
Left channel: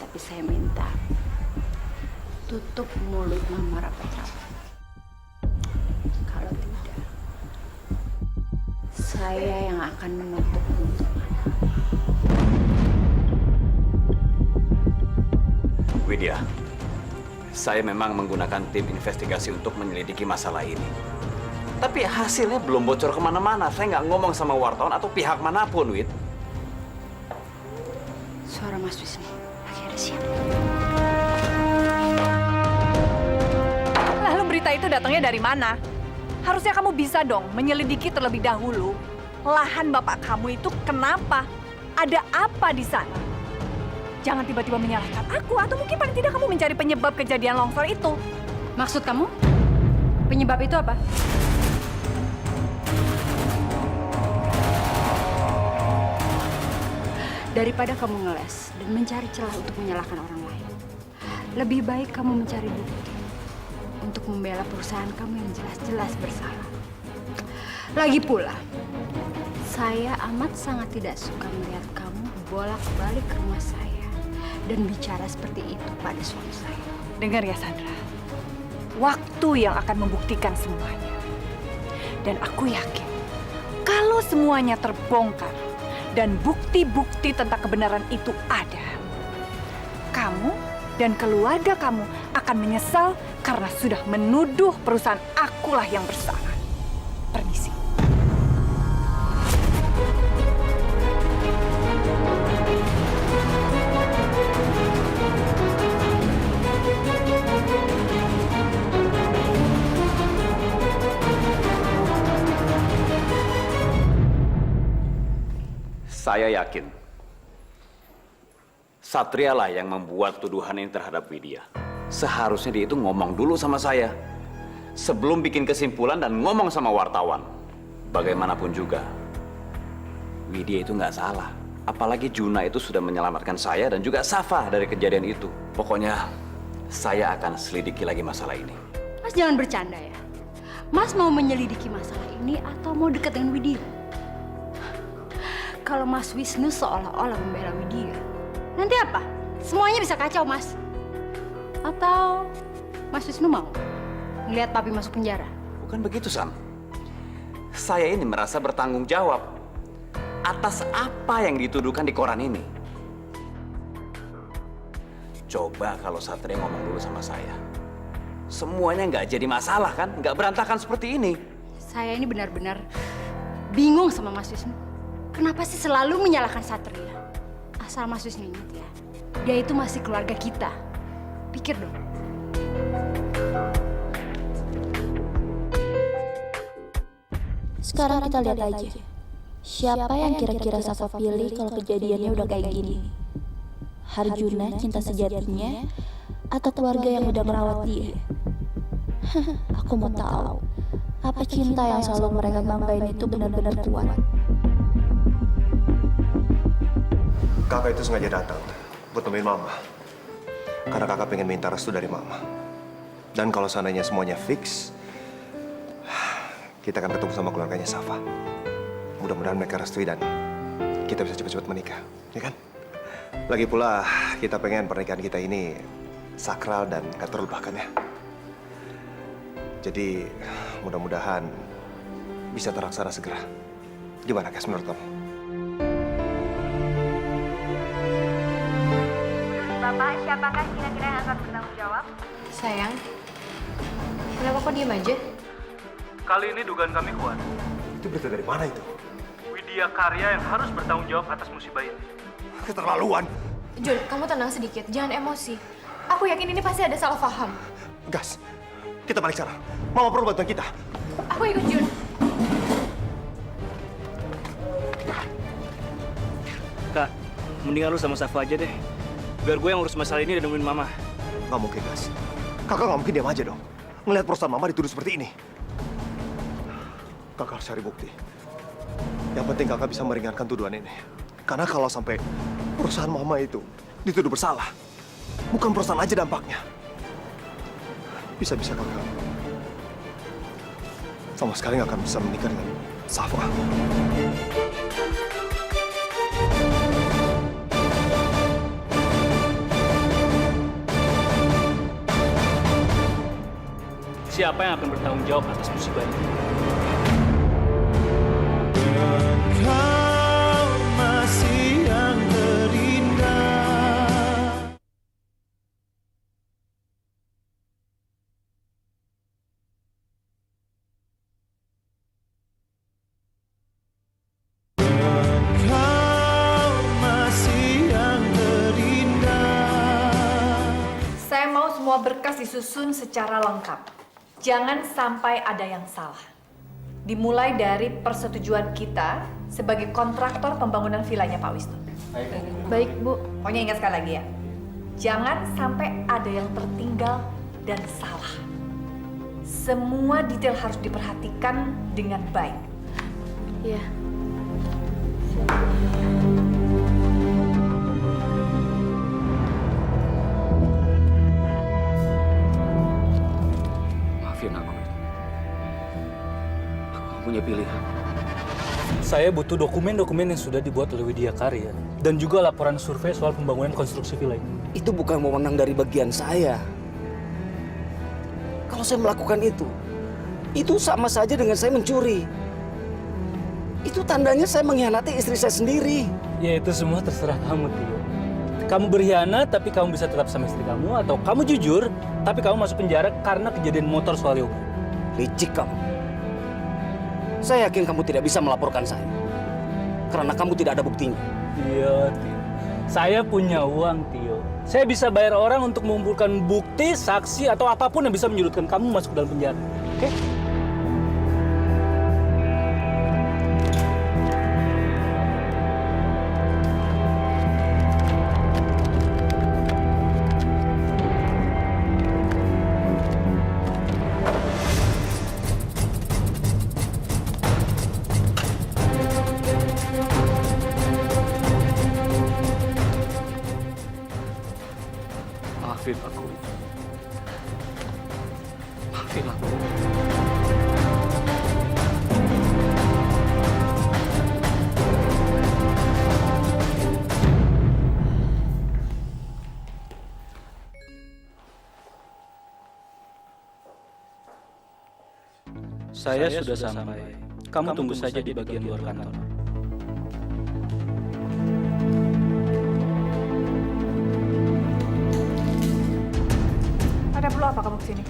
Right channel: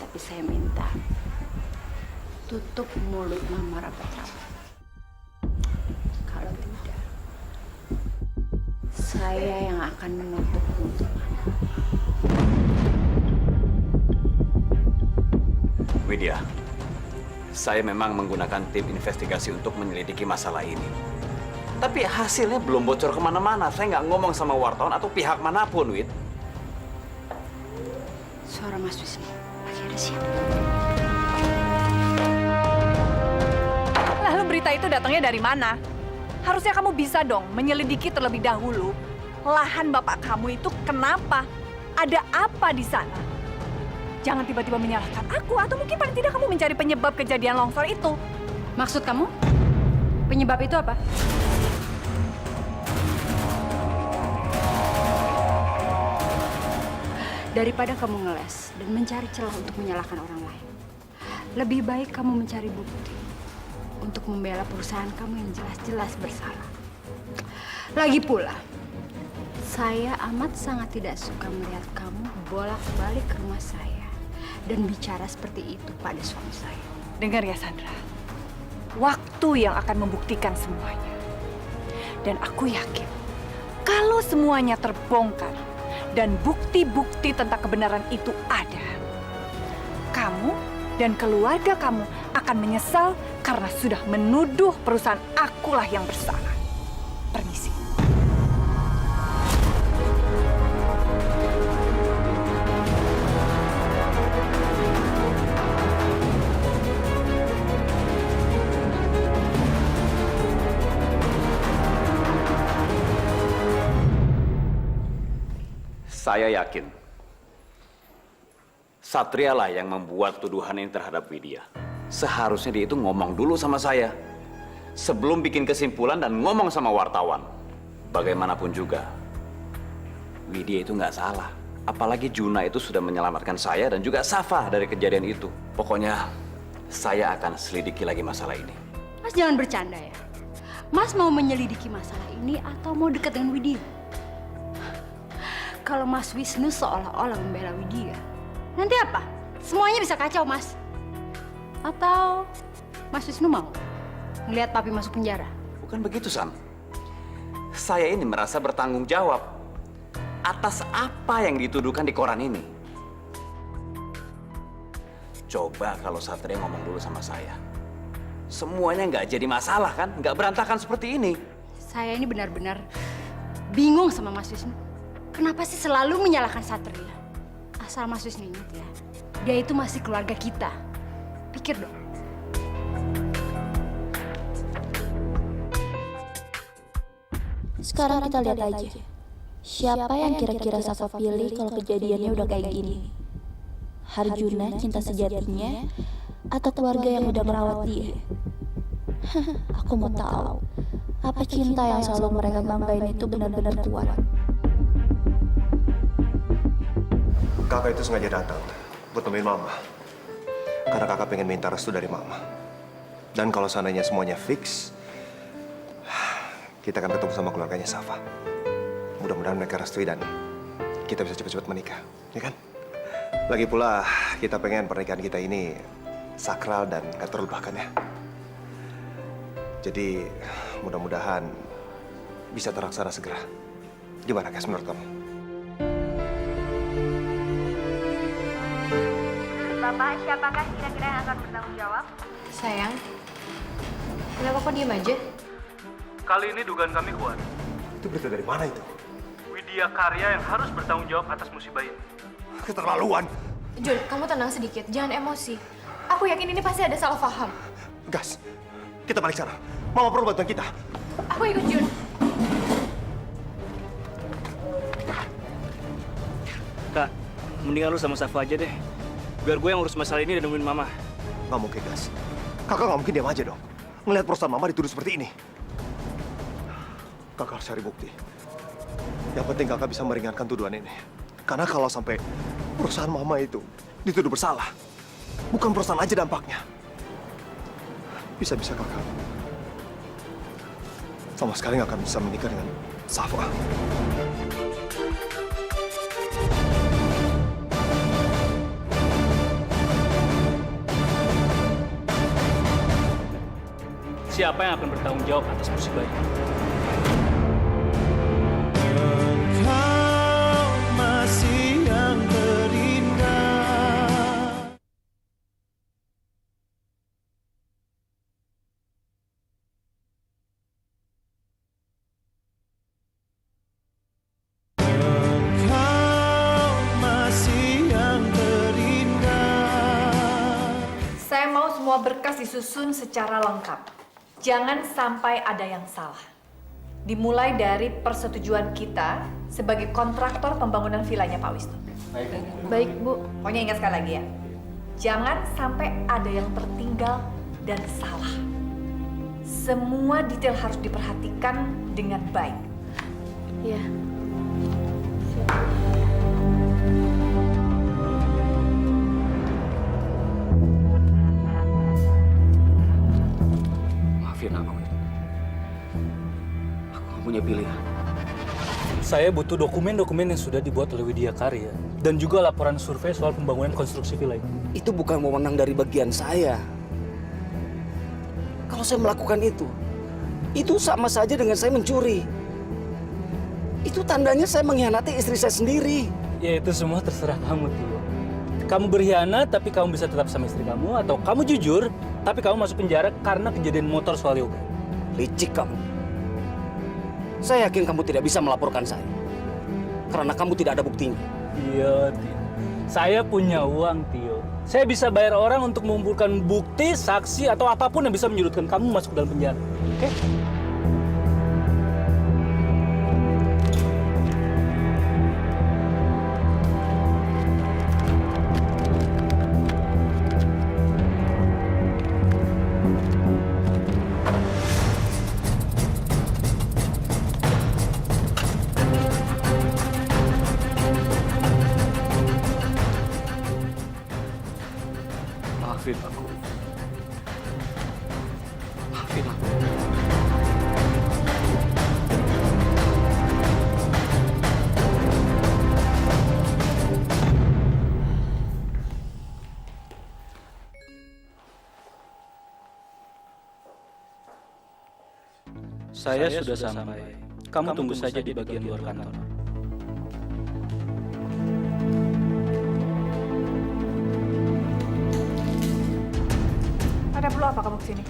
Tapi saya minta tutup mulut Mama rapat-rapat. Kalau tidak, saya yang akan menutup mulut Mama. Widya, saya memang menggunakan tim investigasi untuk menyelidiki masalah ini. Tapi hasilnya belum bocor kemana-mana. Saya nggak ngomong sama wartawan atau pihak manapun, Wid. Suara Mas Wisnu lagi ada siapa? Lalu berita itu datangnya dari mana? Harusnya kamu bisa dong menyelidiki terlebih dahulu lahan bapak kamu itu kenapa? Ada apa di sana? Jangan tiba-tiba menyalahkan aku, atau mungkin paling tidak kamu mencari penyebab kejadian longsor itu. Maksud kamu? Penyebab itu apa? Daripada kamu ngeles dan mencari celah untuk menyalahkan orang lain, lebih baik kamu mencari bukti. untuk membela perusahaan kamu yang jelas-jelas bersalah. Lagi pula, saya amat sangat tidak suka melihat kamu bolak-balik ke rumah saya dan bicara seperti itu pada suami saya. Dengar ya Sandra, waktu yang akan membuktikan semuanya. Dan aku yakin, kalau semuanya terbongkar dan bukti-bukti tentang kebenaran itu ada, kamu dan keluarga kamu akan menyesal karena sudah menuduh perusahaan akulah yang bersalah. Permisi. Saya yakin Satria lah yang membuat tuduhan ini terhadap Widya. Seharusnya dia itu ngomong dulu sama saya sebelum bikin kesimpulan dan ngomong sama wartawan. Bagaimanapun juga, Widya itu nggak salah. Apalagi Juna itu sudah menyelamatkan saya dan juga Safa dari kejadian itu. Pokoknya saya akan selidiki lagi masalah ini. Mas jangan bercanda ya. Mas mau menyelidiki masalah ini atau mau dekat dengan Widya? Kalau Mas Wisnu seolah-olah membela Widya, nanti apa? Semuanya bisa kacau, Mas. Atau Mas Wisnu mau ngelihat papi masuk penjara? Bukan begitu, Sam. Saya ini merasa bertanggung jawab atas apa yang dituduhkan di koran ini. Coba kalau Satria ngomong dulu sama saya. Semuanya nggak jadi masalah kan? Nggak berantakan seperti ini. Saya ini benar-benar bingung sama Mas Wisnu. Kenapa sih selalu menyalahkan Satria? Asal Mas Wisnu ingat ya, dia itu masih keluarga kita. Pikir dong. Sekarang kita lihat aja. Siapa yang kira-kira Safa pilih kalau kejadiannya udah kayak gini? Harjuna cinta sejatinya atau keluarga yang udah merawat dia? Aku mau tahu, apa cinta yang selalu mereka banggain itu benar-benar kuat? Kakak itu sengaja datang buat nemuin Mama. Karena kakak pengen minta restu dari Mama. Dan kalau seandainya semuanya fix, kita akan ketemu sama keluarganya Safa. Mudah-mudahan mereka restui dan kita bisa cepat-cepat menikah, ya kan? Lagi pula kita pengen pernikahan kita ini sakral dan gak terlupakan ya. Jadi mudah-mudahan bisa terlaksana segera. Gimana guys menurut kamu? Bapak, siapakah kira-kira yang akan bertanggung jawab? Sayang, kenapa kok diem aja? Kali ini dugaan kami kuat. Itu berita dari mana itu? Widya Karya yang harus bertanggung jawab atas musibah ini. Keterlaluan. Jun, kamu tenang sedikit, jangan emosi. Aku yakin ini pasti ada salah paham. Gas, kita balik sana. Mama perlu bantuan kita. Aku ikut Jun. Kak, mendingan lu sama Safa aja deh. Biar gue yang urus masalah ini dan nemuin Mama. Nggak mungkin, Gas. Kakak nggak mungkin diam aja dong. Ngelihat perusahaan Mama dituduh seperti ini. Kakak harus cari bukti. Yang penting kakak bisa meringankan tuduhan ini. Karena kalau sampai perusahaan Mama itu dituduh bersalah, bukan perusahaan aja dampaknya. Bisa-bisa kakak sama sekali nggak akan bisa menikah dengan Safa. Siapa yang akan bertanggung jawab atas musibah ini? Engkau masih yang terindah. Engkau masih yang terindah. Saya mau semua berkas disusun secara lengkap. Jangan sampai ada yang salah. Dimulai dari persetujuan kita sebagai kontraktor pembangunan vilanya Pak Wisnu. Baik, Bu. Pokoknya ingat sekali lagi ya. Jangan sampai ada yang tertinggal dan salah. Semua detail harus diperhatikan dengan baik. Iya. Maafin aku. Aku nggak punya pilihan. Saya butuh dokumen-dokumen yang sudah dibuat oleh Widya Karya dan juga laporan survei soal pembangunan konstruksi villa ini. Itu bukan wewenang dari bagian saya. Kalau saya melakukan itu sama saja dengan saya mencuri. Itu tandanya saya mengkhianati istri saya sendiri. Ya itu semua terserah kamu, Tio. Kamu berkhianat tapi kamu bisa tetap sama istri kamu, atau kamu jujur tapi kamu masuk penjara karena kejadian motor soal yoga. Licik kamu. Saya yakin kamu tidak bisa melaporkan saya. Karena kamu tidak ada buktinya. Iya, Tio. Saya punya uang, Tio. Saya bisa bayar orang untuk mengumpulkan bukti, saksi, atau apapun yang bisa menyudutkan kamu masuk dalam penjara. Oke? Maafin aku. Maafin aku. Saya sudah sampai. Kamu tunggu saja di bagian luar kantor. Ada perlu apa kamu kesini?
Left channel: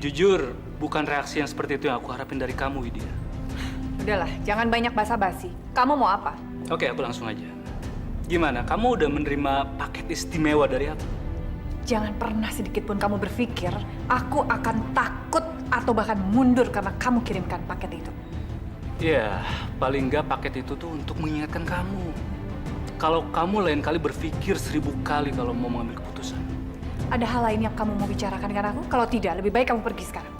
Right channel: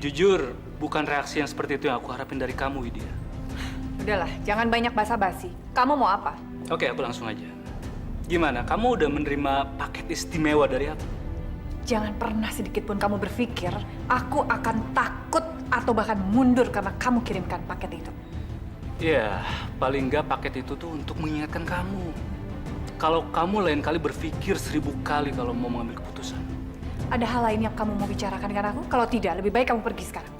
Jujur, bukan reaksi yang seperti itu yang aku harapin dari kamu, Widya. Udahlah, jangan banyak basa-basi. Kamu mau apa? Oke, aku langsung aja. Gimana, kamu udah menerima paket istimewa dari aku? Jangan pernah sedikit pun kamu berpikir aku akan takut atau bahkan mundur karena kamu kirimkan paket itu. Ya, paling nggak paket itu tuh untuk mengingatkan kamu. Kalau kamu lain kali berpikir 1000 kali kalau mau mengambil keputusan. Ada hal lain yang kamu mau bicarakan dengan aku? Kalau tidak, lebih baik kamu pergi sekarang.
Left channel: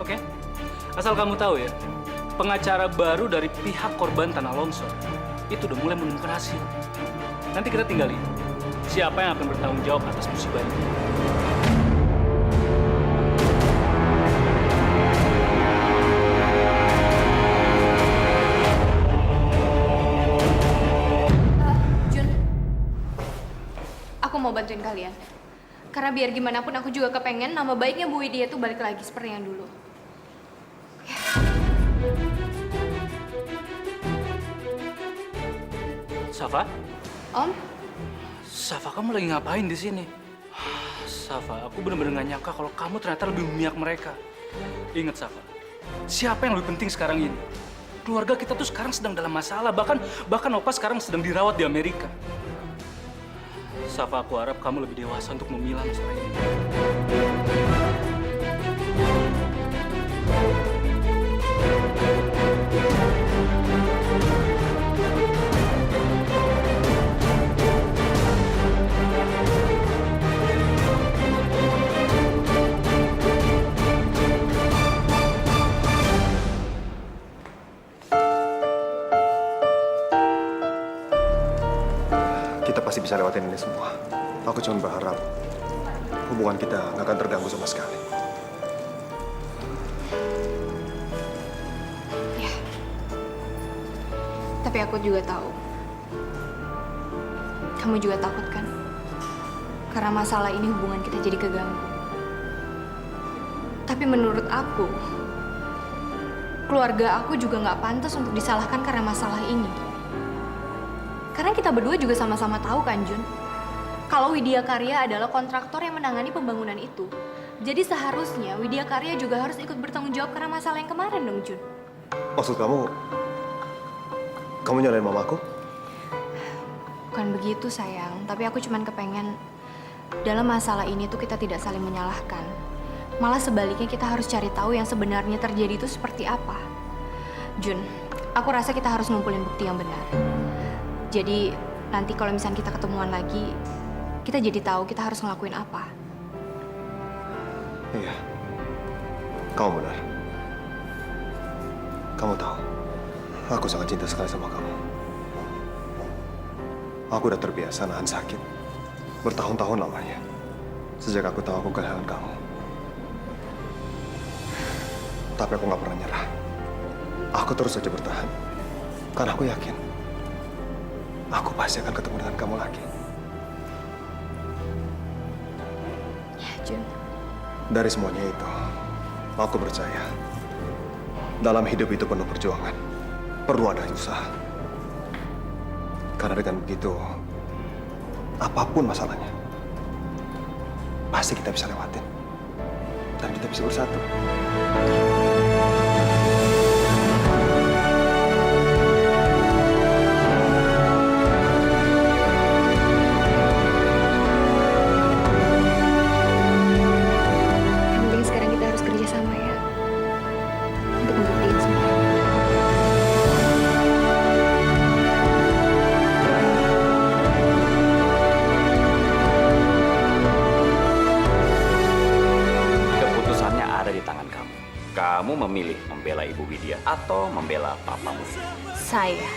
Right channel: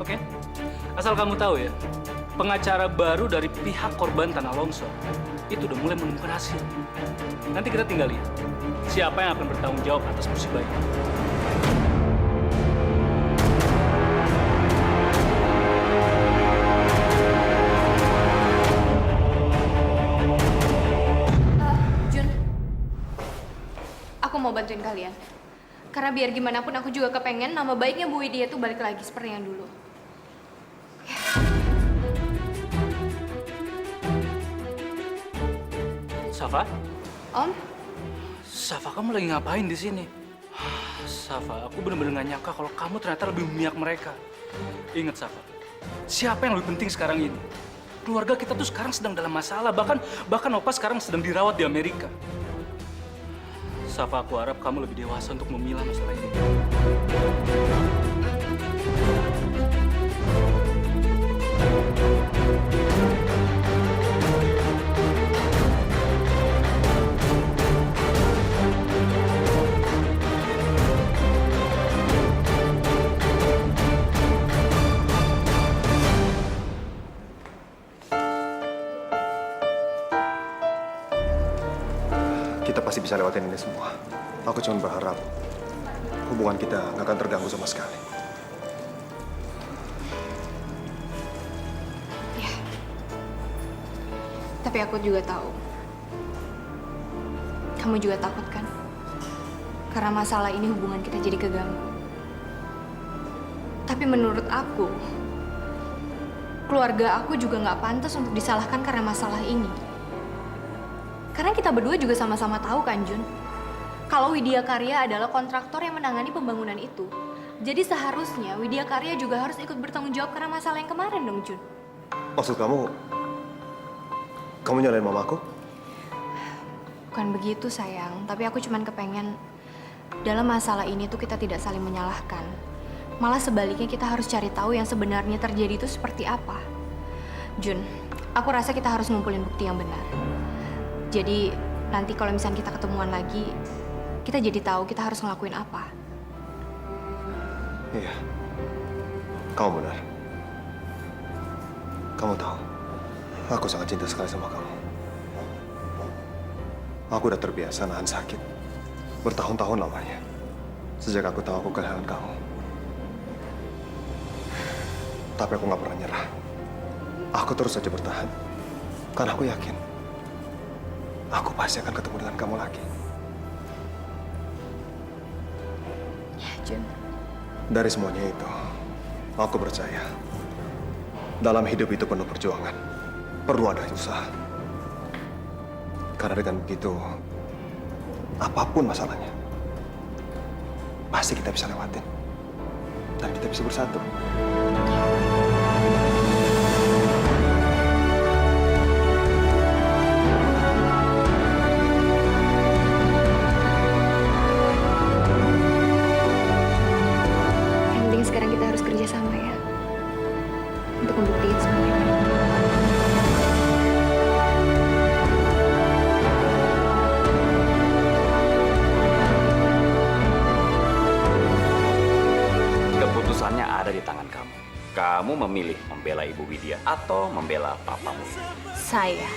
Oke. Asal kamu tahu ya, pengacara baru dari pihak korban tanah longsor itu udah mulai menemukan hasil. Nanti kita tinggal lihat siapa yang akan bertanggung jawab atas musibah ini. Jun, aku mau bantuin kalian. Karena biar gimana pun aku juga kepengen nama baiknya Bu Widya tuh balik lagi seperti yang dulu. Safa? Om? Safa, kamu lagi ngapain di sini? Safa, aku benar-benar nggak nyangka kalau kamu ternyata lebih memihak mereka. Ingat, Safa, siapa yang lebih penting sekarang ini? Keluarga kita tuh sekarang sedang dalam masalah, bahkan Opa sekarang sedang dirawat di Amerika. Safa, aku harap kamu lebih dewasa untuk memilah masalah ini. Kita pasti bisa lewatin ini semua. Aku cuma berharap hubungan kita nggak akan terganggu sama sekali. Ya. Tapi aku juga tahu. Kamu juga takut kan? Karena masalah ini hubungan kita jadi keganggu. Tapi menurut aku, keluarga aku juga nggak pantas untuk disalahkan karena masalah ini. Karena kita berdua juga sama-sama tahu kan, Jun? Kalau Widya Karya adalah kontraktor yang menangani pembangunan itu. Jadi seharusnya Widya Karya juga harus ikut bertanggung jawab karena masalah yang kemarin dong, Jun. Maksud kamu nyalain mamaku? Bukan begitu, sayang. Tapi aku cuman kepengen dalam masalah ini tuh kita tidak saling menyalahkan. Malah sebaliknya kita harus cari tahu yang sebenarnya terjadi itu seperti apa. Jun, aku rasa kita harus ngumpulin bukti yang benar. Jadi nanti kalau misalnya kita ketemuan lagi, kita jadi tahu kita harus ngelakuin apa. Iya, kamu benar. Kamu tahu, aku sangat cinta sekali sama kamu. Aku udah terbiasa nahan sakit bertahun-tahun lamanya. Sejak aku tahu aku kehilangan kamu. Tapi aku nggak pernah nyerah. Aku terus saja bertahan. Karena aku yakin, aku pasti akan ketemu dengan kamu lagi. Ya, Jun. Dari semuanya itu, aku percaya dalam hidup itu penuh perjuangan. Perlu ada usaha. Karena dengan begitu, apapun masalahnya, pasti kita bisa lewatin. Dan kita bisa bersatu. Yang penting sekarang kita harus kerja sama ya. Untuk membuktikan semuanya. Keputusannya ada di tangan kamu. Kamu memilih membela Ibu Widya atau membela papamu. Saya